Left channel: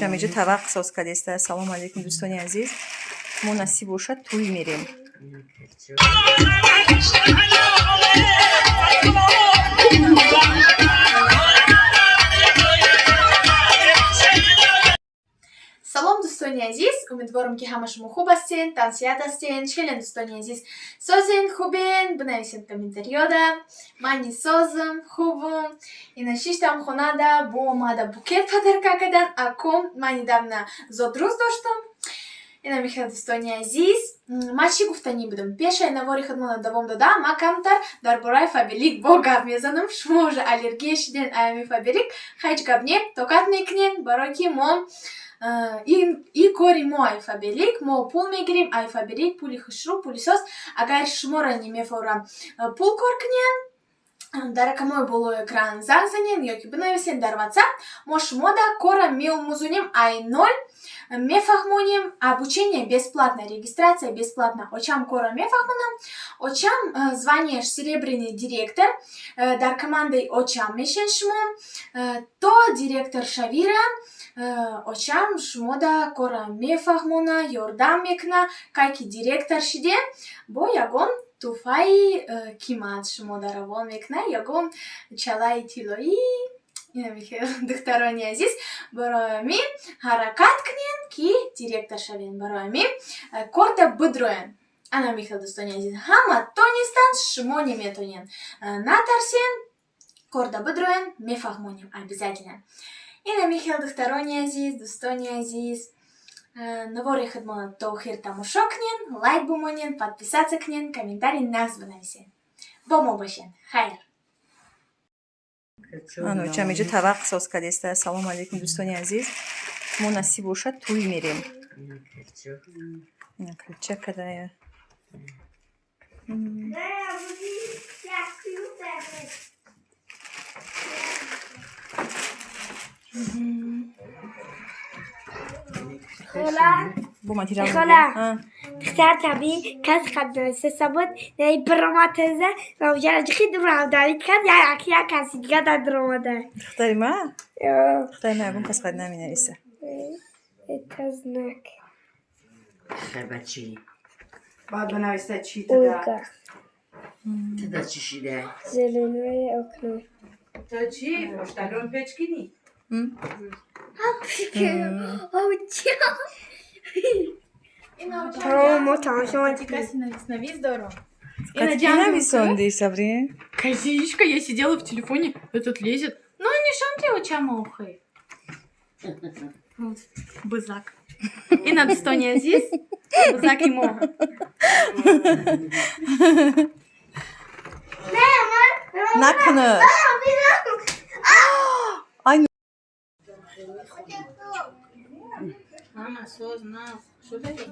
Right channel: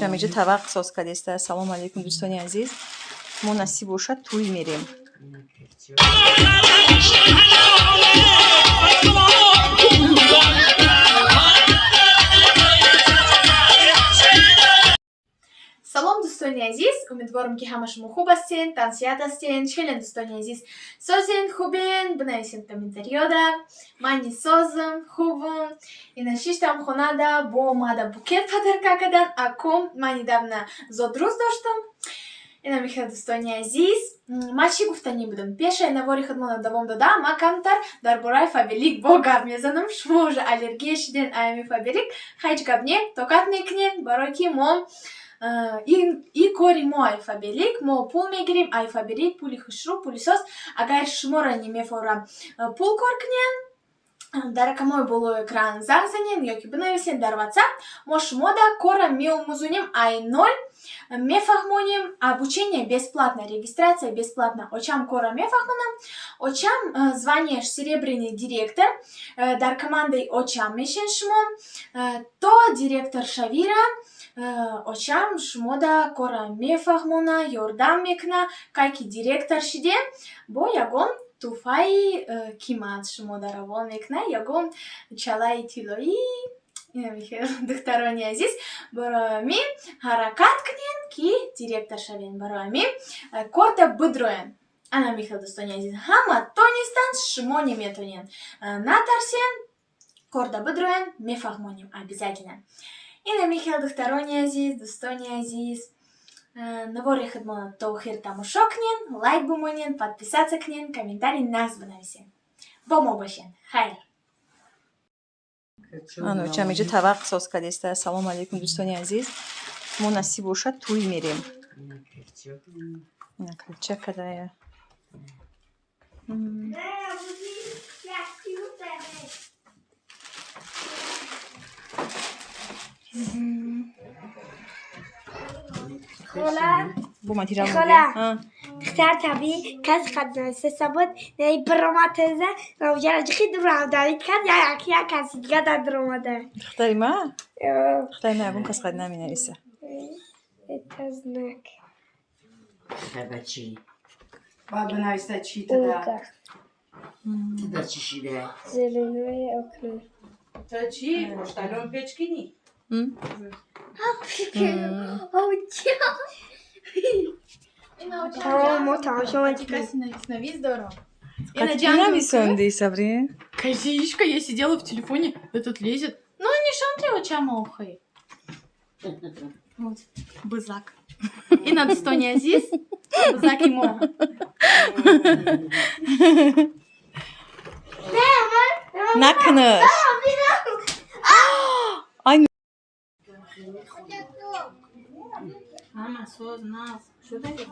чамиҷа тавақ соз кардеста. Салом алейкум дӯстони азиз. Мо насиб бошад тӯй мерем. Салом дӯстони азиз, умедворам ки ҳама шумо хуб ҳастен, тансият ҳастен. Чилен дӯстони азиз, созен, хубен, бинависен комментариёда. Мани созам, хубам. Ина шиштам хонада бо омада букет подарка кардан. Акум мани давна зодрӯз доштам. Ина мехел дӯстони азиз, ман чӣ гуфтанӣ будам? Пешаи навори худмона давом додам, ман камтар дар бораи фабелик бо гап мезанам. Шумо уже аллергия шиден ами фабелик, ҳеҷ гап не, тоқат мекунем, барои ки мо и кори мо айфабелик, мо пул мегирем, айфабелик, пули хушрӯ, пули соз. Агар шуморо немефора пул кор кунен, дар рақамҳои болои экран занг занен ёки бинависен дар WhatsApp, мо шумода кора меомӯзонем ай-0, мефаҳмонем, обучение бесплатно, регистрация бесплатно. Очам кора мефаҳмонам, очам званиеш серебряный директор, дар командаи очам мешен шумо, то директор шавира, очам шумода кора мефаҳмона, ёрдам мекуна, кай ки директор шидем, бо ягон туҳфаи қимат шумода равон мекуна, ягон чалаи тиллоӣ. Ина мехел духтарони азиз, барои мин ҳаракат кунен ки директор шавен, барои мин корта бидроен. Ана мехел дӯстони азиз, ҳама тонистанд, шумо неметонен. Натарсен, корта бидроен, мефаҳмонем обязательно. Ина мехел духтарони азиз, дӯстони азиз, навори худмона то охир тамошо кунен, лайк бимонен, подписаться кунен, комментарий нағз бинависен. Бо мо бошен. Хайр. чамиҷа тавақ соз кардеста. Салом алейкум дӯстони азиз. Мо насиб бошад тӯй мерем. Ина килча кадая. خاله دختر طبیعی کس خد نویسته سبود نهی براماتزه نوجه جخی درام دارید کن یا یکی کسی دیگه در دراماده دختری ما؟ دختری ما یکون کس خد نمی نویسه. تزنک خبه چی؟ باید بنویسته چی تدا؟ تدا چی شده؟ زلنوی اکنون تا چی؟ مشتلون پچکینی؟ تمام شما Навис здорово. Как нависонди, Сабри? Козичка, я сидела в телефоне, этот лезет. Ну, не шанти очама охай. Вот, бызак. И на дӯстони азиз, бызаки мо. Накунаш. Мама, соз, нас. Что это?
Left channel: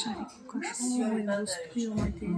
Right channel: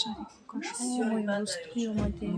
Шарик, кашой, густой омаде.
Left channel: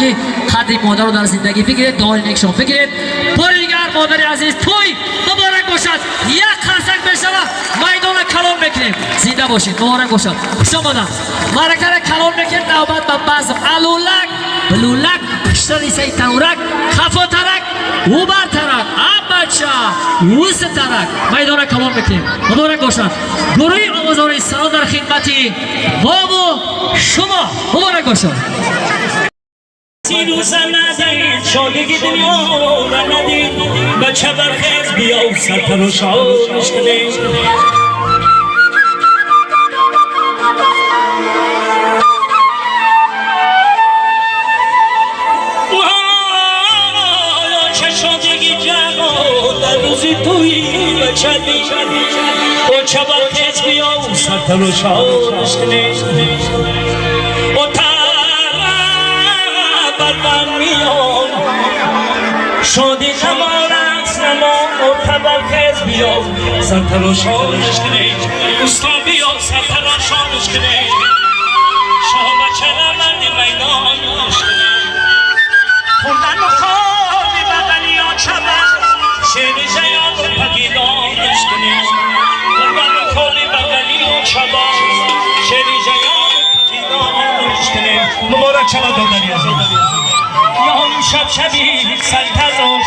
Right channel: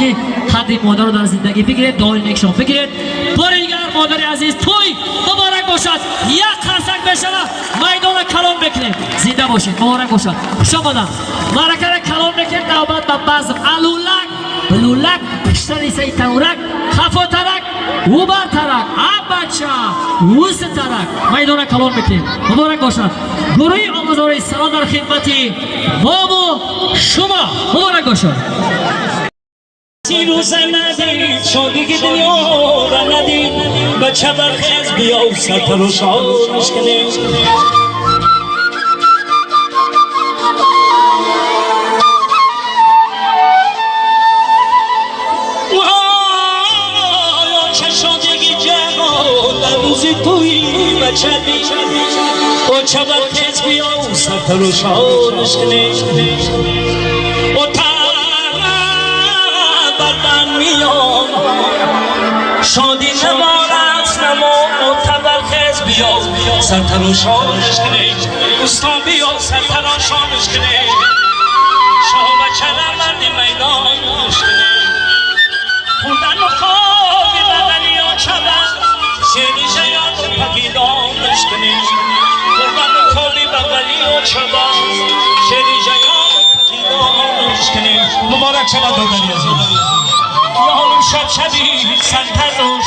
که قدری مادر رو در زندگی بگیرید، دعای نیکشان بگیرید. بار دیگر مادر عزیز توی مبارک باشد. یک خرسک بشود میدان کلام بکنیم. زنده باشید، مبارک باشد. شما مادر مرکه کلام بکنید. نوبت به بعض علولک بلولک بیشتر سی تنورک خفا ترک اوبر ترک بچه وست ترک میدان کلام بکنیم. مبارک باشد. گروه آموزاری سلام در خدمتی بابو شما. مبارک باشد. روز ندید شادگی دنیا را ندید بچه برخیز بیا و سرپر و شادش کنید چه شادگی جهان در روزی توی بچه دید بچه برخیز بیا و سرپر و شادش کنید شادی نمارست نما متبرخز بیا سرتراشانش کنید اسلام بیا سرتراشانش کنید شاه بچه نمردی میدانش کنید خوندن و خوابی بدنی ها چه شیری جیان پدیدارش کنیم قربان کولی بغلی و چبا شیری جیان پدیدارش کنیم مبارک شود دادنی عزیز یا همون شب شبی سنتزاش